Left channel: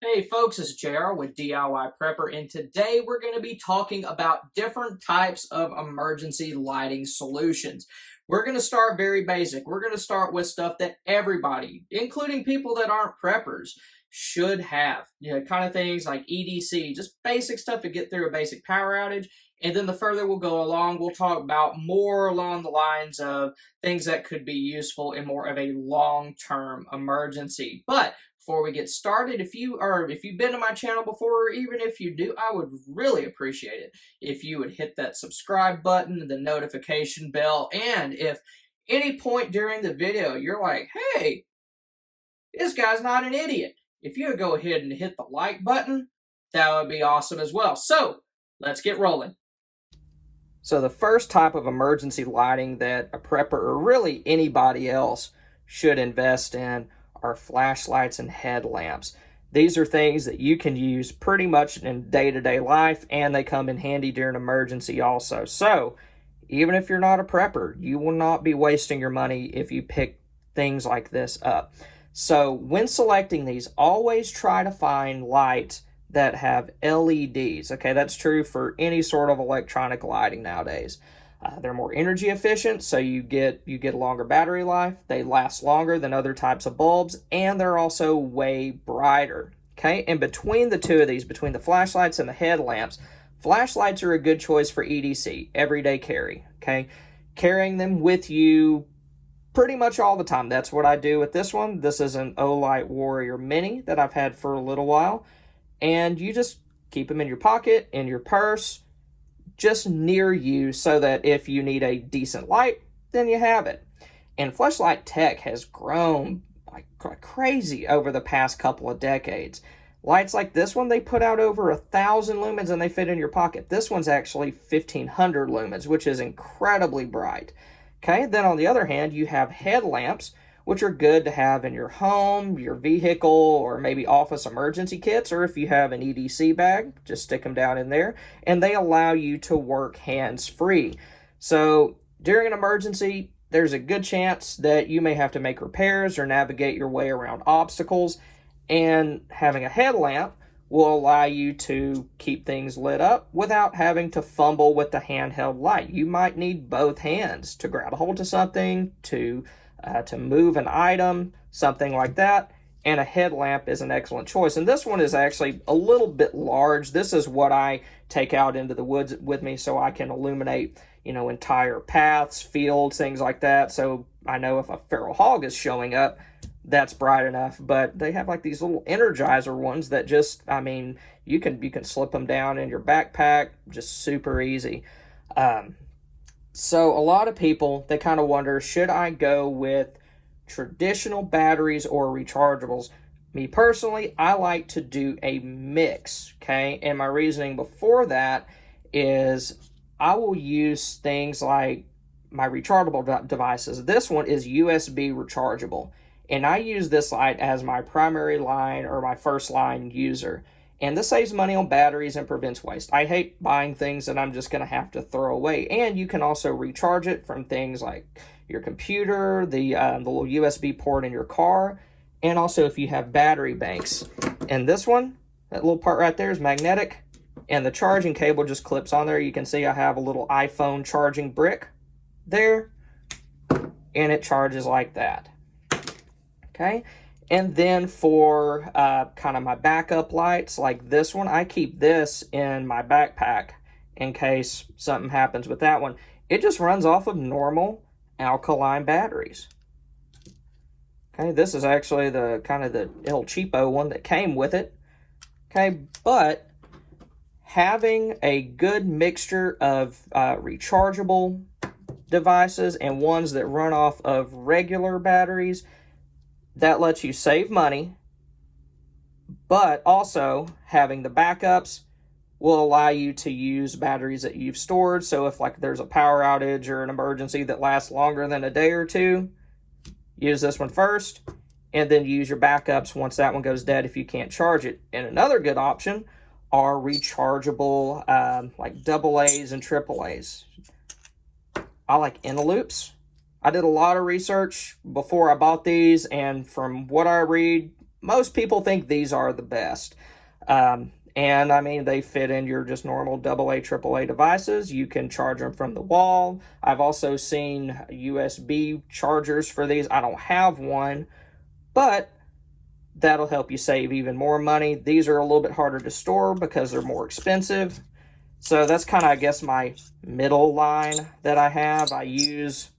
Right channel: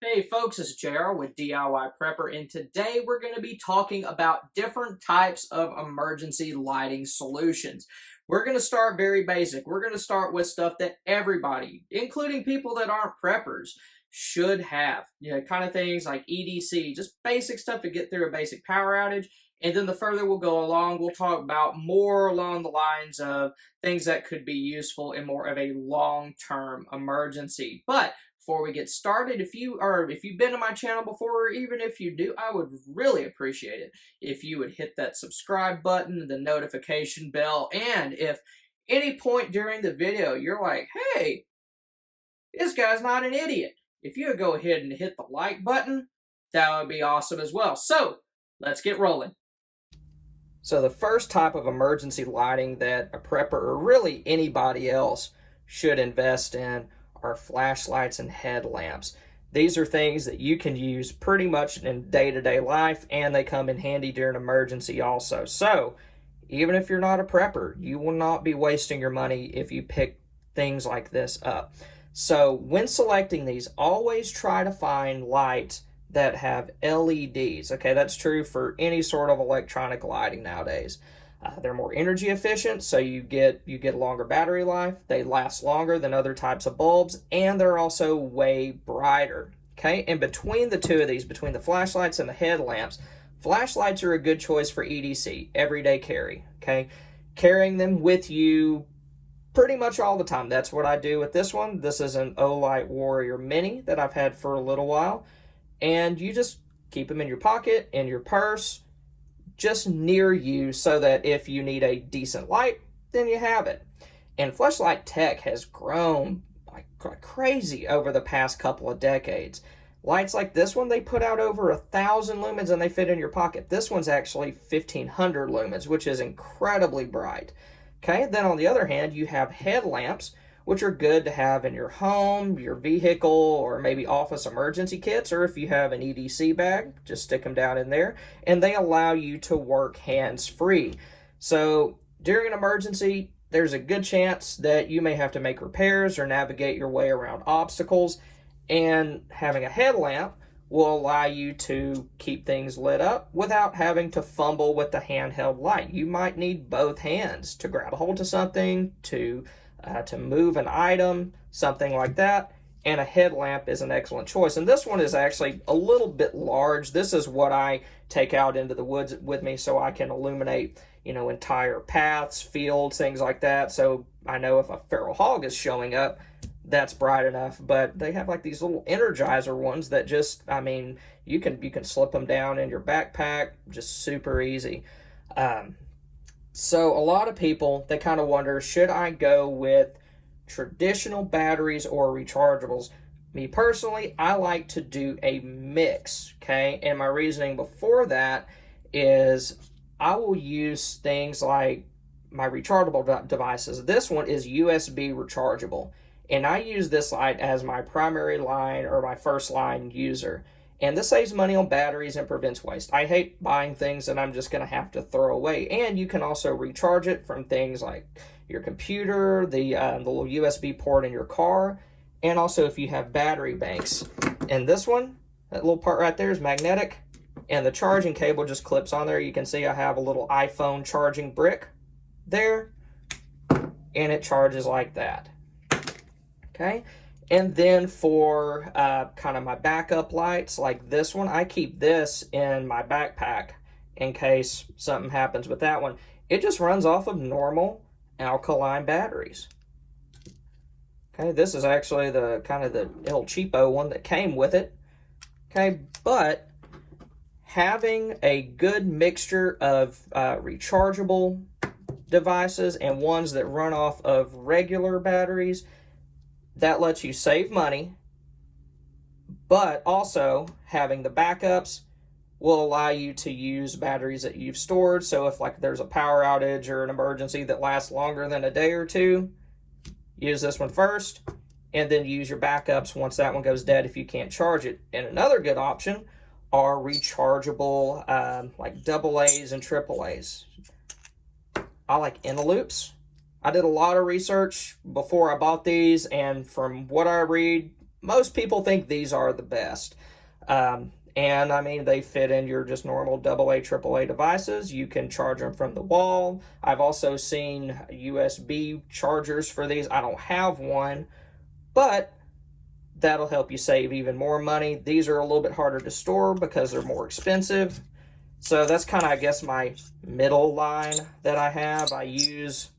Hey folks, it's JR with DIY Prepper, and today we're going to be talking about different types of emergency lighting solutions. We're going to start very basic. We're going to start with stuff that everybody, including people that aren't preppers, should have. Kind of things like EDC, just basic stuff to get through a basic power outage. And then the further we'll go along, we'll talk about more along the lines of things that could be useful in more of a long-term emergency. But before we get started, if you've been to my channel before, or even if you do, I would really appreciate it if you would hit that subscribe button, the notification bell, and if any point during the video you're like, hey, this guy's not an idiot, if you would go ahead and hit the like button, that would be awesome as well. So let's get rolling. So the first type of emergency lighting that a prepper or really anybody else should invest in are flashlights and headlamps. These are things that you can use pretty much in day-to-day life, and they come in handy during an emergency also. So even if you're not a prepper, you will not be wasting your money if you pick things like this up. So when selecting these, always try to find lights that have LEDs. Okay, that's true for any sort of electronic lighting nowadays. They're more energy efficient, so you get a longer battery life. They last longer than other types of bulbs, and they're also way brighter. Okay, and between the two of these, between the flashlights and the headlamps, flashlights are a good choice for EDC, everyday carry. Okay, carrying them with you pretty much all the time. That's what I do with this one. This is an Olight Warrior Mini that I've had for a little while, and you just keep them in your pocket, in your purse, just near you, so that if you need a decent light, then you have it. And flashlight tech has grown like crazy over the past couple of decades. Lights like this one, they put out over 1,000 lumens and they fit in your pocket. This one's actually 1,500 lumens, which is incredibly bright. Okay, then on the other hand, you have headlamps, which are good to have in your home, your vehicle, or maybe office emergency kits, or if you have an EDC bag, just stick them down in there, and they allow you to work hands-free. So during an emergency, there's a good chance that you may have to make repairs or navigate your way around obstacles, and having a headlamp will allow you to keep things lit up without having to fumble with the handheld light. You might need both hands to grab a hold of something, to move an item, something like that, and a headlamp is an excellent choice. And this one is actually a little bit large. This is what I take out into the woods with me so I can illuminate, entire paths, fields, things like that. So I know if a feral hog is showing up, that's bright enough. But they have like these little Energizer ones that just, you can slip them down in your backpack, just super easy. So a lot of people, they kind of wonder, should I go with traditional batteries or rechargeables? Me personally, I like to do a mix, okay? And my reasoning before that is I will use things like my rechargeable devices. This one is USB rechargeable, and I use this light as my primary line or my first line user. And this saves money on batteries and prevents waste. I hate buying things that I'm just going to have to throw away. And you can also recharge it from things like your computer, the little USB port in your car, and also if you have battery banks. And this one, that little part right there is magnetic, and the charging cable just clips on there. You can see I have a little iPhone charging brick there, and it charges like that. Okay. And then for kind of my backup lights, like this one, I keep this in my backpack in case something happens with that one. It just runs off of normal alkaline batteries. Okay, this is actually the kind of the El Cheapo one that came with it. Okay, but having a good mixture of rechargeable devices and ones that run off of regular batteries, that lets you save money, but also having the backups will allow you to use batteries that you've stored. So if like there's a power outage or an emergency that lasts longer than a day or two, use this one first, and then use your backups once that one goes dead if you can't charge it. And another good option are rechargeable like AA's and AAA's. I like Inteloops. I did a lot of research before I bought these, and from what I read, most people think these are the best. And I mean, they fit in your just normal AA, AAA devices. You can charge them from the wall. I've also seen USB chargers for these. I don't have one, but that'll help you save even more money. These are a little bit harder to store because they're more expensive. So that's kind of, I guess, my middle line that I have. I use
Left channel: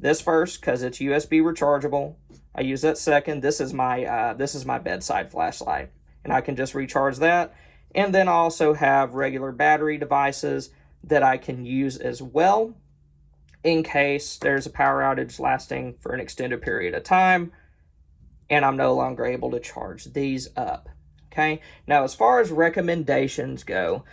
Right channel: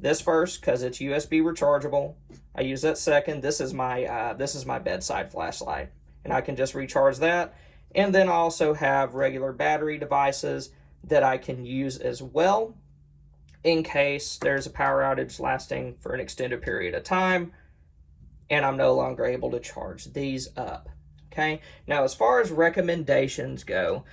this first because it's USB rechargeable. I use that second. This is my bedside flashlight, and I can just recharge that. And then I also have regular battery devices that I can use as well in case there's a power outage lasting for an extended period of time and I'm no longer able to charge these up. Okay, now as far as recommendations go,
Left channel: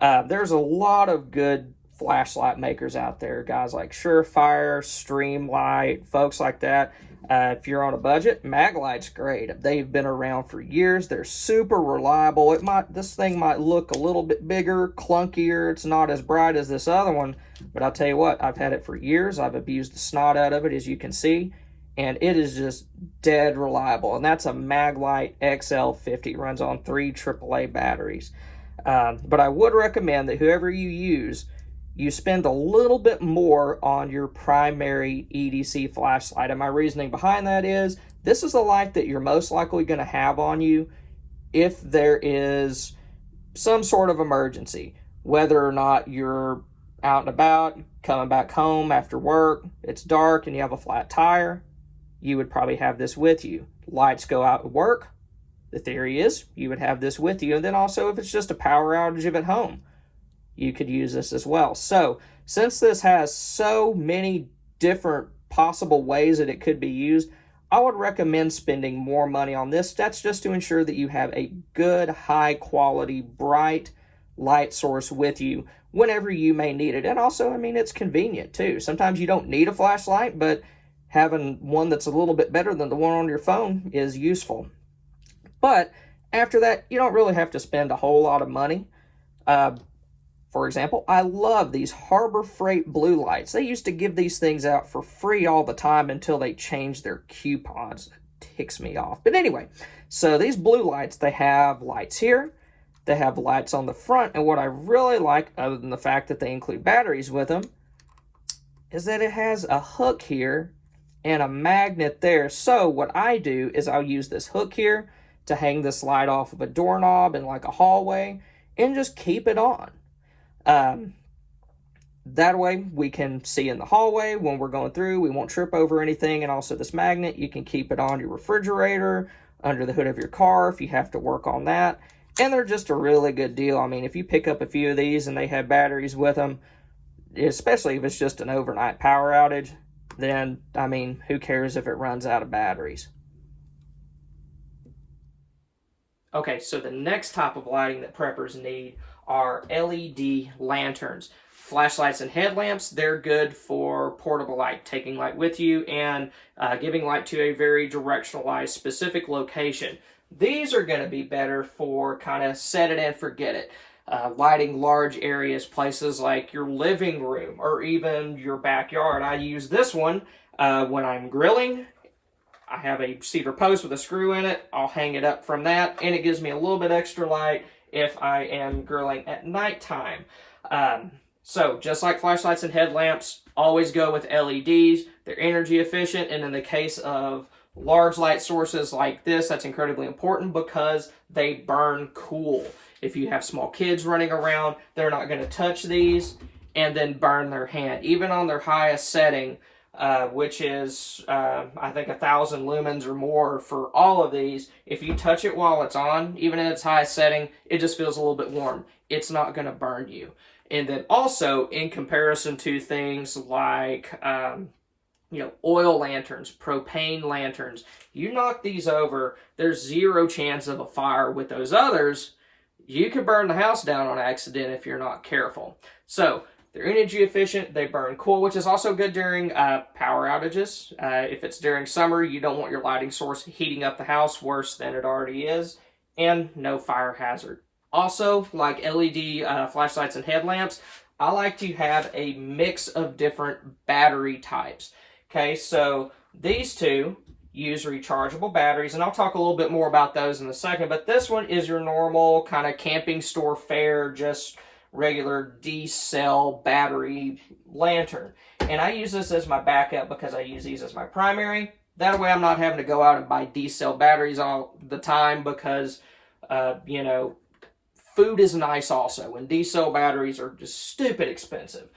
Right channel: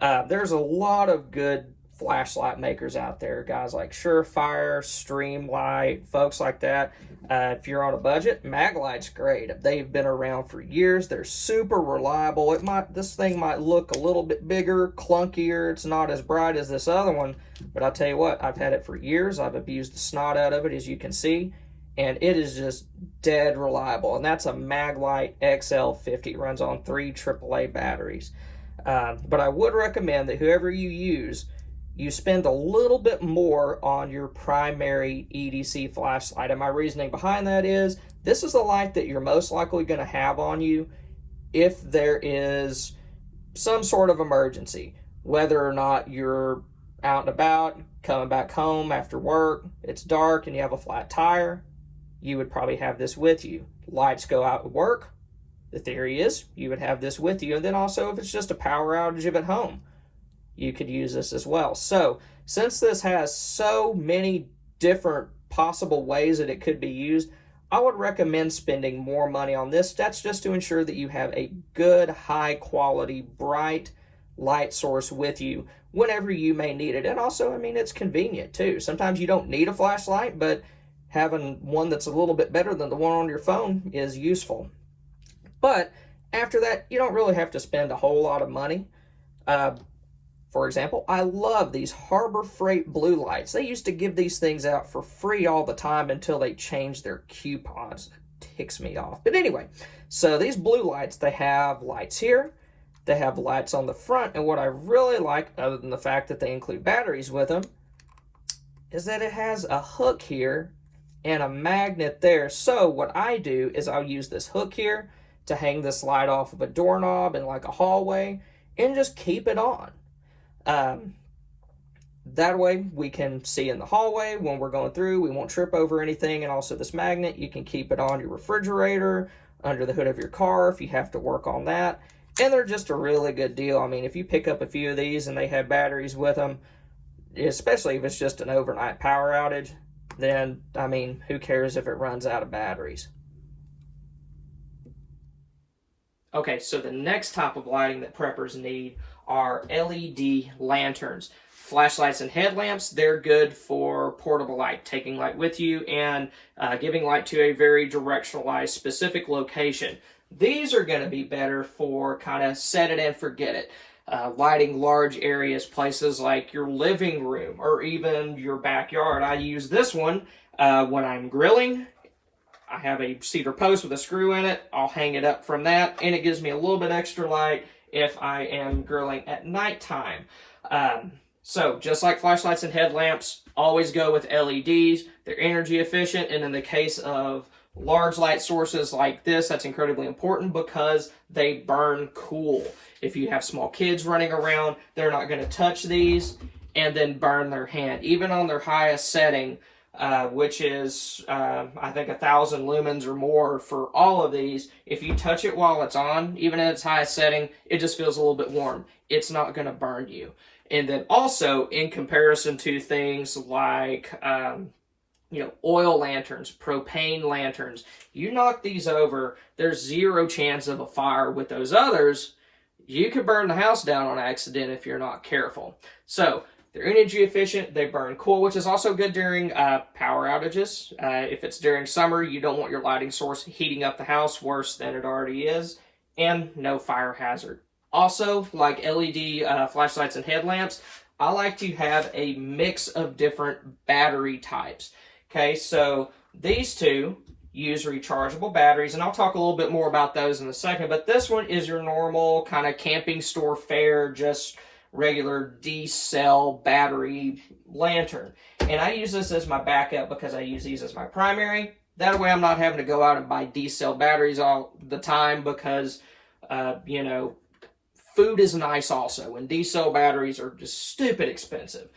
there's a lot of good flashlight makers out there, guys like Surefire, Streamlight, folks like that. If you're on a budget, Maglight's great. They've been around for years. They're super reliable. This thing might look a little bit bigger, clunkier. It's not as bright as this other one, but I'll tell you what, I've had it for years. I've abused the snot out of it, as you can see, and it is just dead reliable. And that's a Maglite XL50. It runs on 3 AAA batteries. But I would recommend that whoever you use, you spend a little bit more on your primary EDC flashlight. And my reasoning behind that is, this is a light that you're most likely going to have on you if there is some sort of emergency. Whether or not you're out and about, coming back home after work, it's dark and you have a flat tire, you would probably have this with you. Lights go out at work, the theory is you would have this with you. And then also if it's just a power outage at home, you could use this as well. So since this has so many different possible ways that it could be used, I would recommend spending more money on this. That's just to ensure that you have a good, high quality, bright light source with you whenever you may need it. And also, I mean, it's convenient too. Sometimes you don't need a flashlight, but having one that's a little bit better than the one on your phone is useful. But after that, you don't really have to spend a whole lot of money. For example, I love these Harbor Freight blue lights. They used to give these things out for free all the time until they changed their coupons. It ticks me off. But anyway, so these blue lights, they have lights here. They have lights on the front. And what I really like, other than the fact that they include batteries with them, is that it has a hook here and a magnet there. So what I do is I'll use this hook here to hang this light off of a doorknob in like a hallway and just keep it on. That way we can see in the hallway when we're going through, we won't trip over anything. And also this magnet, you can keep it on your refrigerator, under the hood of your car if you have to work on that. And they're just a really good deal. I mean, if you pick up a few of these and they have batteries with them, especially if it's just an overnight power outage, then, I mean, who cares if it runs out of batteries? Okay, so the next type of lighting that preppers need are LED lanterns. Flashlights and headlamps, they're good for portable light, taking light with you and giving light to a very directionalized specific location. These are going to be better for kind of set it and forget it. Lighting large areas, places like your living room or even your backyard. I use this one when I'm grilling. I have a cedar post with a screw in it. I'll hang it up from that, and it gives me a little bit extra light if I am grilling at nighttime. So just like flashlights and headlamps, always go with LEDs. They're energy efficient, and in the case of large light sources like this, that's incredibly important because they burn cool. If you have small kids running around, they're not going to touch these and then burn their hand. Even on their highest setting, which is, I think, 1,000 lumens or more for all of these, if you touch it while it's on, even at its highest setting, it just feels a little bit warm. It's not going to burn you. And then also, in comparison to things like, oil lanterns, propane lanterns, you knock these over, there's zero chance of a fire. With those others, you could burn the house down on accident if you're not careful. So they're energy efficient, they burn cool, which is also good during power outages. If it's during summer, you don't want your lighting source heating up the house worse than it already is, and no fire hazard. Also, like LED flashlights and headlamps, I like to have a mix of different battery types. Okay, so these two, use rechargeable batteries, and I'll talk a little bit more about those in a second, but this one is your normal kind of camping store fare, just regular D-cell battery lantern. And I use this as my backup because I use these as my primary. That way I'm not having to go out and buy D-cell batteries all the time because, you know, food is nice also, and D-cell batteries are just stupid expensive.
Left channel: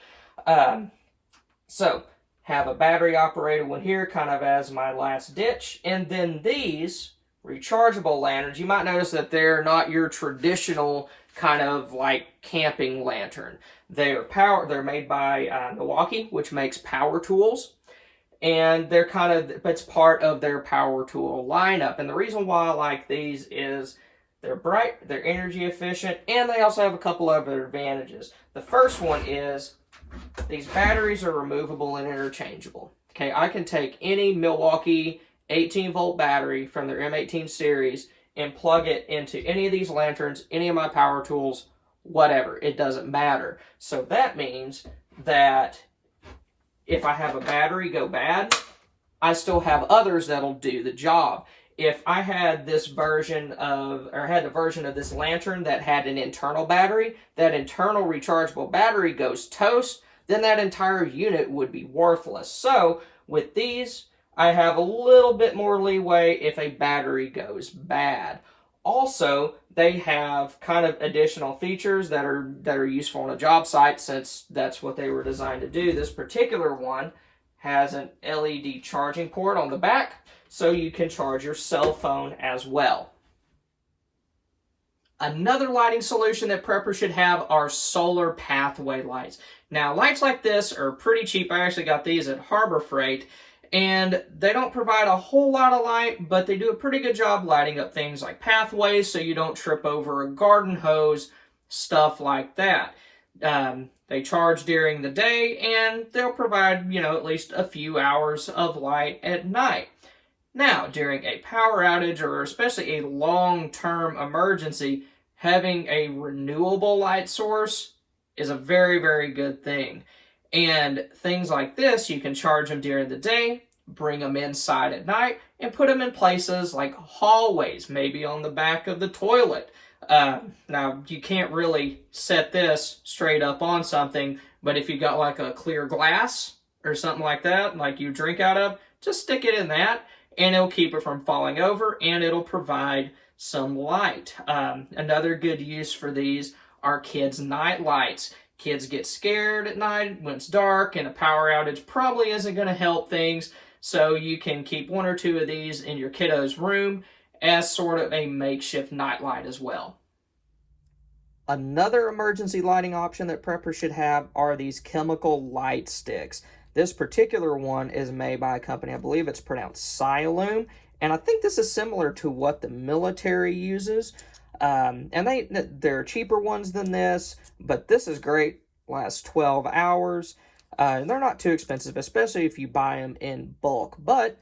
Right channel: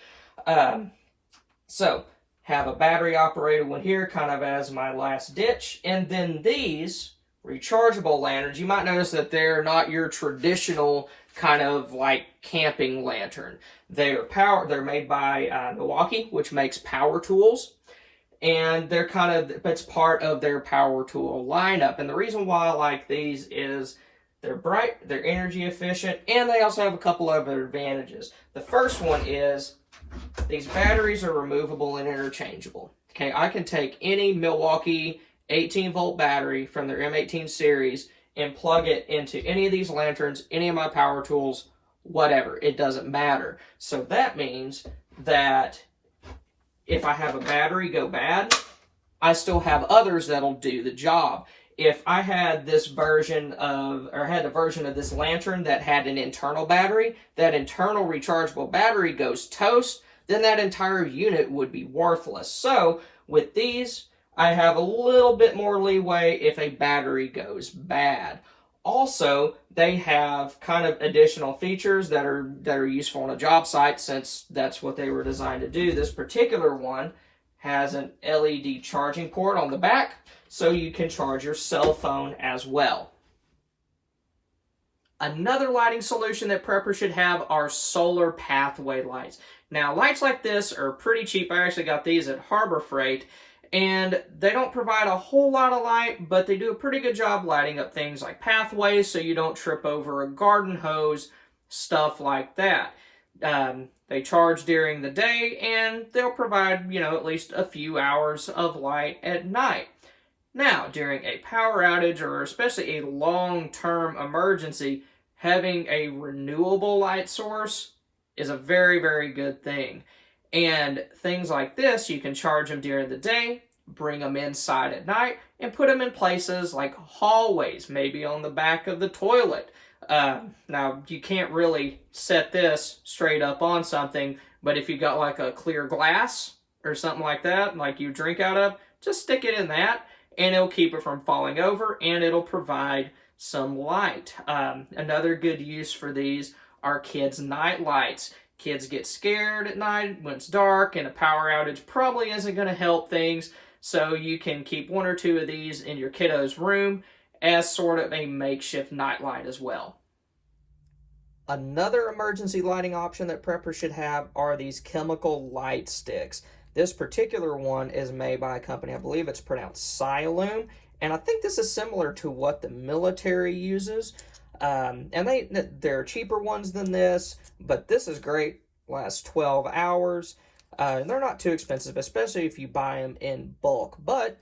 So, have a battery operated one here kind of as my last ditch. And then these rechargeable lanterns, you might notice that they're not your traditional kind of like camping lantern. They're made by Milwaukee, which makes power tools. And they're it's part of their power tool lineup. And the reason why I like these is they're bright, they're energy efficient, and they also have a couple of other advantages. The first one is these batteries are removable and interchangeable. Okay, I can take any Milwaukee 18-volt battery from their M18 series and plug it into any of these lanterns, any of my power tools, whatever. It doesn't matter. So that means that if I have a battery go bad, I still have others that'll do the job. If I had this version of, or had a version of this lantern that had an internal battery, that internal rechargeable battery goes toast, then that entire unit would be worthless. So with these, I have a little bit more leeway if a battery goes bad. Also, they have kind of additional features that are useful on a job site, since that's what they were designed to do. This particular one has an LED charging port on the back, so you can charge your cell phone as well. Another lighting solution that preppers should have are solar pathway lights. Now, lights like this are pretty cheap. I actually got these at Harbor Freight, and they don't provide a whole lot of light, but they do a pretty good job lighting up things like pathways so you don't trip over a garden hose, stuff like that. They charge during the day, and they'll provide, at least a few hours of light at night. Now, during a power outage, or especially a long-term emergency, having a renewable light source is a very, very good thing. And things like this, you can charge them during the day, bring them inside at night, and put them in places like hallways, maybe on the back of the toilet. Now, you can't really set this straight up on something, but if you got like a clear glass or something like that, like you drink out of, just stick it in that, and it'll keep it from falling over, and it'll provide some light. Another good use for these are kids' night lights. Kids get scared at night when it's dark, and a power outage probably isn't going to help things, so you can keep one or two of these in your kiddo's room as sort of a makeshift night light as well. Another emergency lighting option that preppers should have are these chemical light sticks. This particular one is made by a company, I believe it's pronounced Siloom, and I think this is similar to what the military uses. And there are cheaper ones than this, but this is great. Lasts 12 hours. And they're not too expensive, especially if you buy them in bulk. But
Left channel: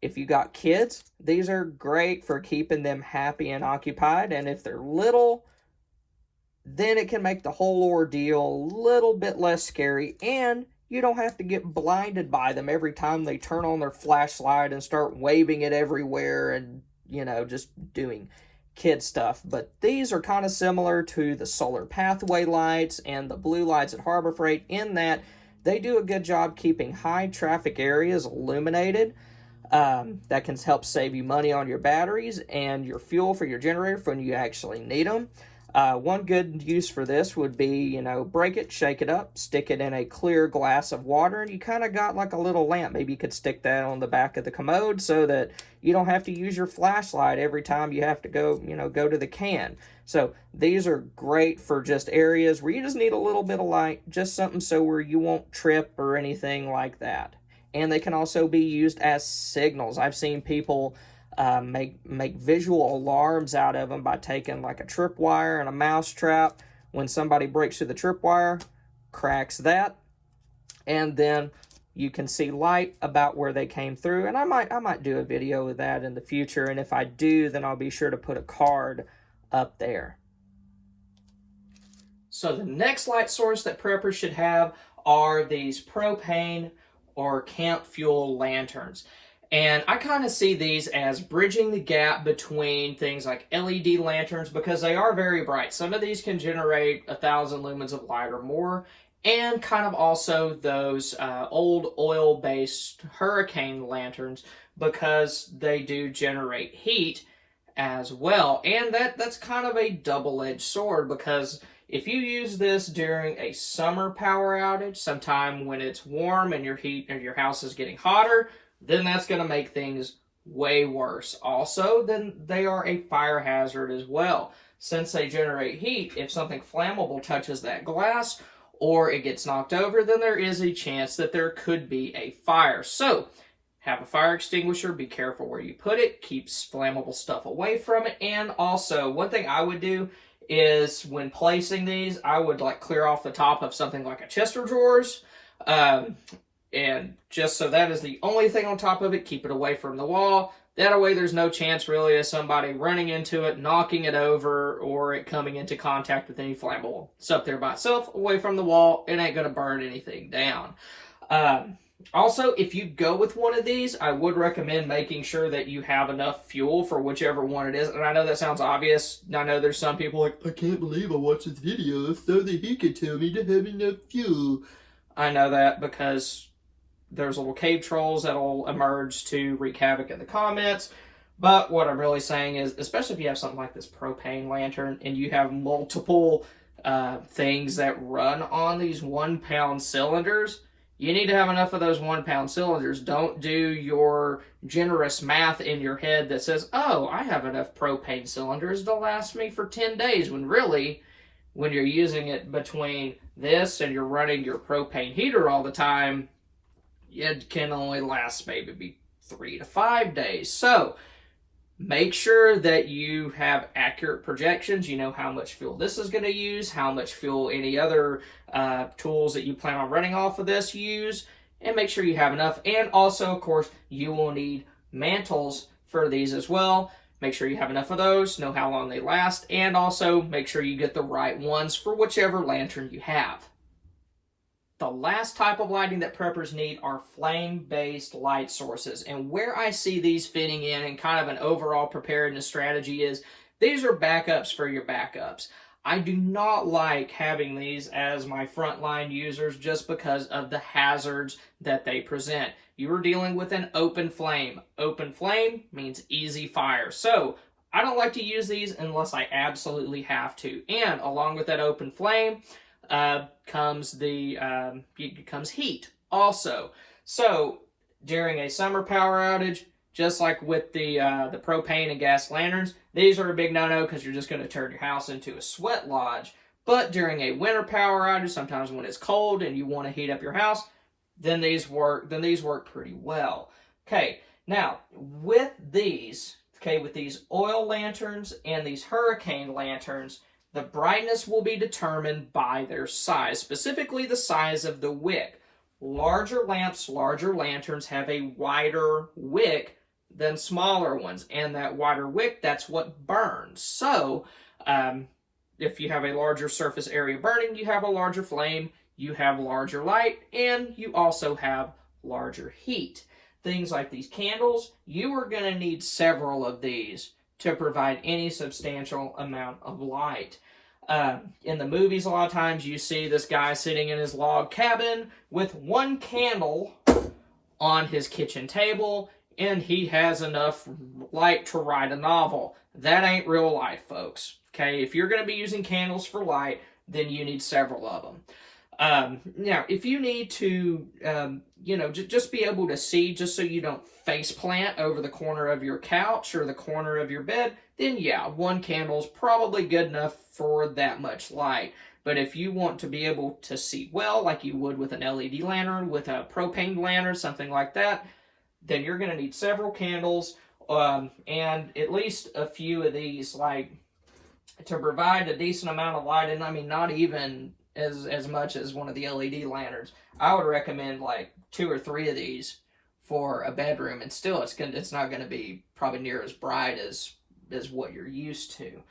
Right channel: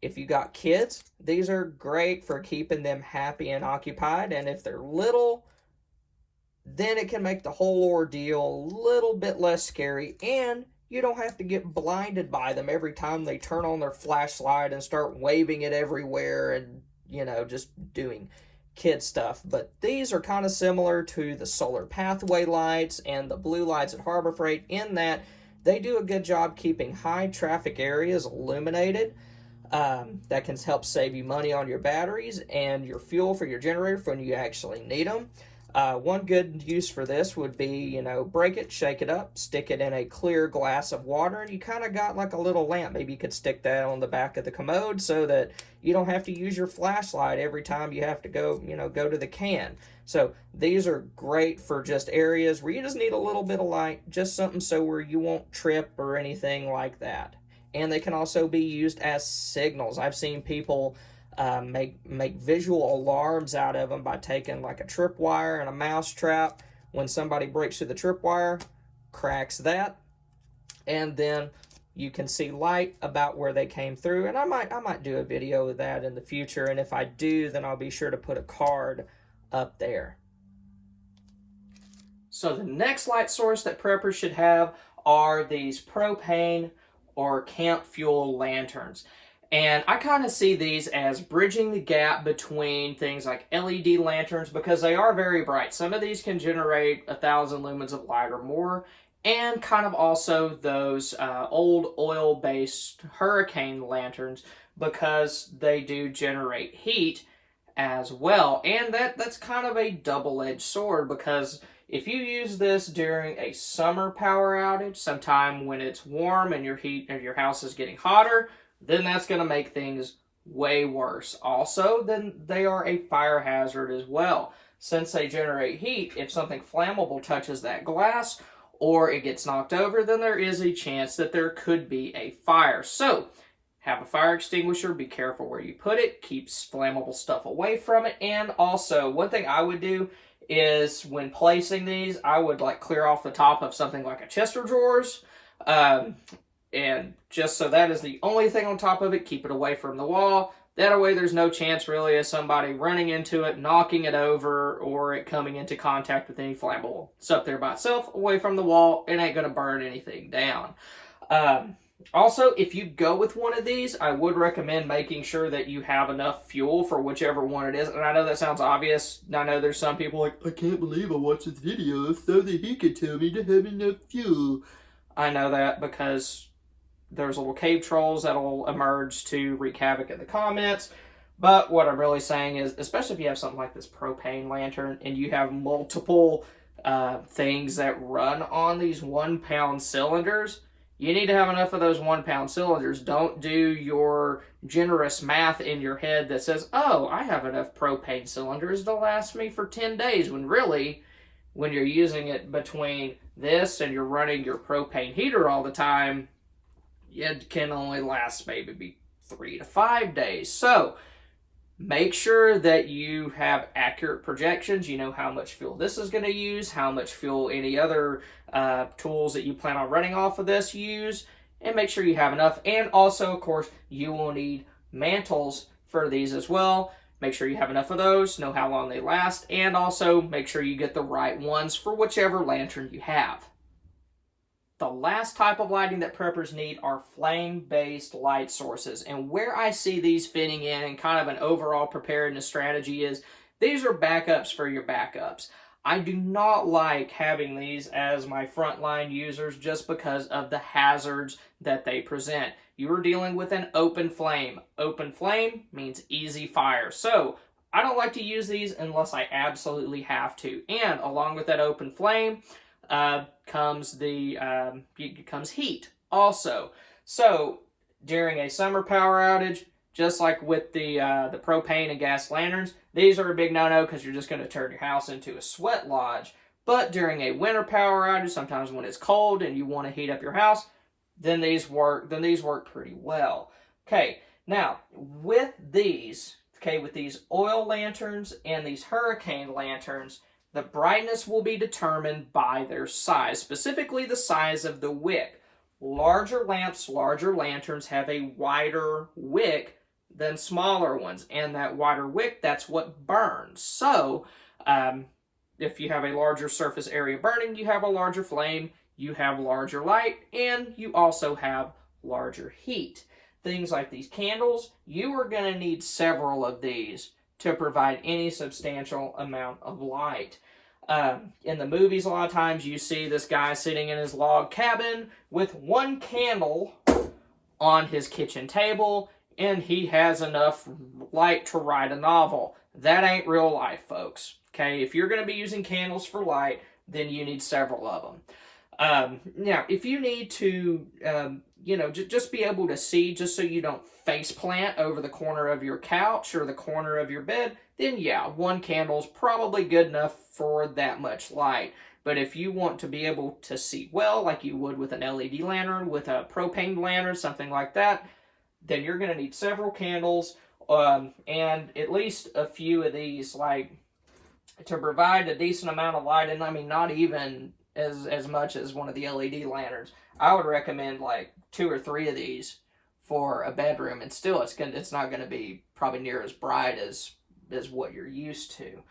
if you got kids, these are great for keeping them happy and occupied. And if they're little, then it can make the whole ordeal a little bit less scary, and you don't have to get blinded by them every time they turn on their flashlight and start waving it everywhere and, just doing kid stuff. But these are kind of similar to the solar pathway lights and the blue lights at Harbor Freight in that they do a good job keeping high traffic areas illuminated. That can help save you money on your batteries and your fuel for your generator when you actually need them. One good use for this would be, break it, shake it up, stick it in a clear glass of water, and you kind of got like a little lamp. Maybe you could stick that on the back of the commode so that you don't have to use your flashlight every time you have to go to the can. So these are great for just areas where you just need a little bit of light, just something so where you won't trip or anything like that. And they can also be used as signals. I've seen people make visual alarms out of them by taking like a tripwire and a mouse trap. When somebody breaks through the tripwire, cracks that, and then you can see light about where they came through. And I might do a video of that in the future, and if I do, then I'll be sure to put a card up there. So the next light source that preppers should have are these propane or camp fuel lanterns. And I kind of see these as bridging the gap between things like LED lanterns because they are very bright. Some of these can generate 1,000 lumens of light or more, and kind of also those old oil-based hurricane lanterns because they do generate heat as well. And that's kind of a double-edged sword because if you use this during a summer power outage, sometime when it's warm and your house is getting hotter, then that's going to make things way worse. Also, then they are a fire hazard as well. Since they generate heat, if something flammable touches that glass or it gets knocked over, then there is a chance that there could be a fire. So, have a fire extinguisher, be careful where you put it, keeps flammable stuff away from it, and also, one thing I would do is when placing these, I would like clear off the top of something like a chest of drawers, and just so that is the only thing on top of it, keep it away from the wall. That way there's no chance really of somebody running into it, knocking it over, or it coming into contact with any flammable. It's up there by itself, away from the wall. It ain't going to burn anything down. Also, if you go with one of these, I would recommend making sure that you have enough fuel for whichever one it is. And I know that sounds obvious. I know there's some people like, I can't believe I watched this video so that he could tell me to have enough fuel. I know that because there's little cave trolls that'll emerge to wreak havoc in the comments. But what I'm really saying is, especially if you have something like this propane lantern and you have multiple things that run on these 1 pound cylinders, you need to have enough of those 1 pound cylinders. Don't do your generous math in your head that says, oh, I have enough propane cylinders to last me for 10 days, when really, when you're using it between this and you're running your propane heater all the time, it can only last maybe 3 to 5 days. So make sure that you have accurate projections. You know how much fuel this is going to use, how much fuel any other tools that you plan on running off of this use, and make sure you have enough. And also, of course, you will need mantles for these as well. Make sure you have enough of those, know how long they last, and also make sure you get the right ones for whichever lantern you have. The last type of lighting that preppers need are flame-based light sources. And where I see these fitting in and kind of an overall preparedness strategy is these are backups for your backups. I do not like having these as my frontline users just because of the hazards that they present. You are dealing with an open flame. Open flame means easy fire. So I don't like to use these unless I absolutely have to. And along with that open flame, comes heat also. So during a summer power outage, just like with the propane and gas lanterns, these are a big no-no because you're just going to turn your house into a sweat lodge. But during a winter power outage, sometimes when it's cold and you want to heat up your house, then these work pretty well. Okay, now with these oil lanterns and these hurricane lanterns, the brightness will be determined by their size, specifically the size of the wick. Larger lamps, larger lanterns have a wider wick than smaller ones, and that wider wick, that's what burns. So, if you have a larger surface area burning, you have a larger flame, you have larger light, and you also have larger heat. Things like these candles, you are going to need several of these to provide any substantial amount of light. In the movies, a lot of times you see this guy sitting in his log cabin with one candle on his kitchen table, and he has enough light to write a novel. That ain't real life, folks. Okay, if you're going to be using candles for light, then you need several of them. Now, if you need to, just be able to see, just so you don't face plant over the corner of your couch or the corner of your bed, then yeah, one candle is probably good enough for that much light. But if you want to be able to see well, like you would with an LED lantern, with a propane lantern, something like that, then you're going to need several candles, and at least a few of these, like, to provide a decent amount of light. And I mean, not even as much as one of the LED lanterns. I would recommend like 2 or 3 of these for a bedroom, and still it's not going to be probably near as bright as what you're used to.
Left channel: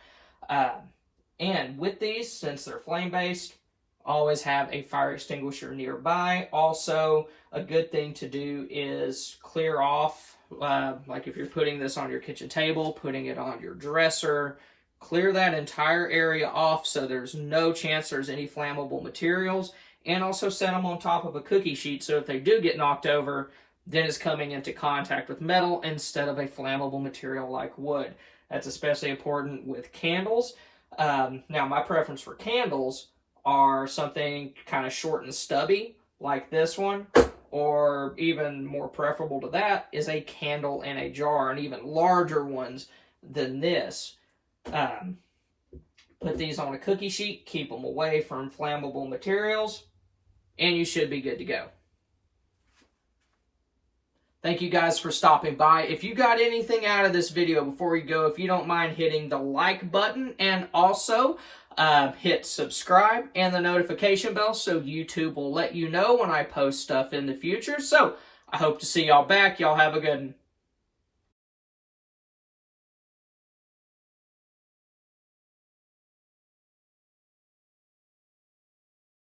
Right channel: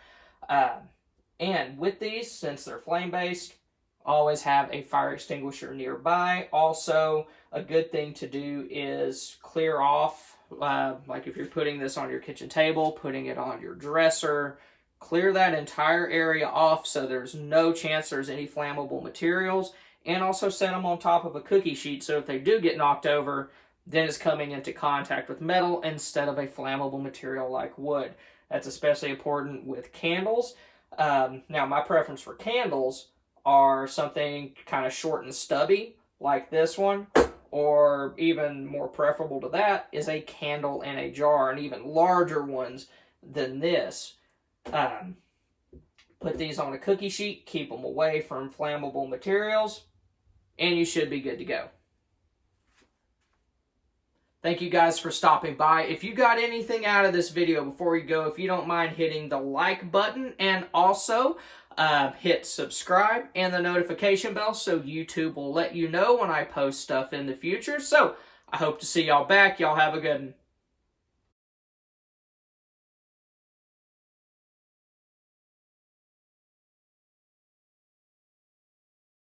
And with these, since they're flame-based, always have a fire extinguisher nearby. Also, a good thing to do is clear off like if you're putting this on your kitchen table, putting it on your dresser, clear that entire area off so there's no chance there's any flammable materials, and also set them on top of a cookie sheet so if they do get knocked over, then it's coming into contact with metal instead of a flammable material like wood. That's especially important with candles. Now, my preference for candles are something kind of short and stubby, like this one, or even more preferable to that is a candle in a jar, and even larger ones than this. Put these on a cookie sheet, keep them away from flammable materials, and you should be good to go. Thank you guys for stopping by. If you got anything out of this video before you go, if you don't mind hitting the like button and also hit subscribe and the notification bell so YouTube will let you know when I post stuff in the future. So I hope to see y'all back. Y'all have a good one.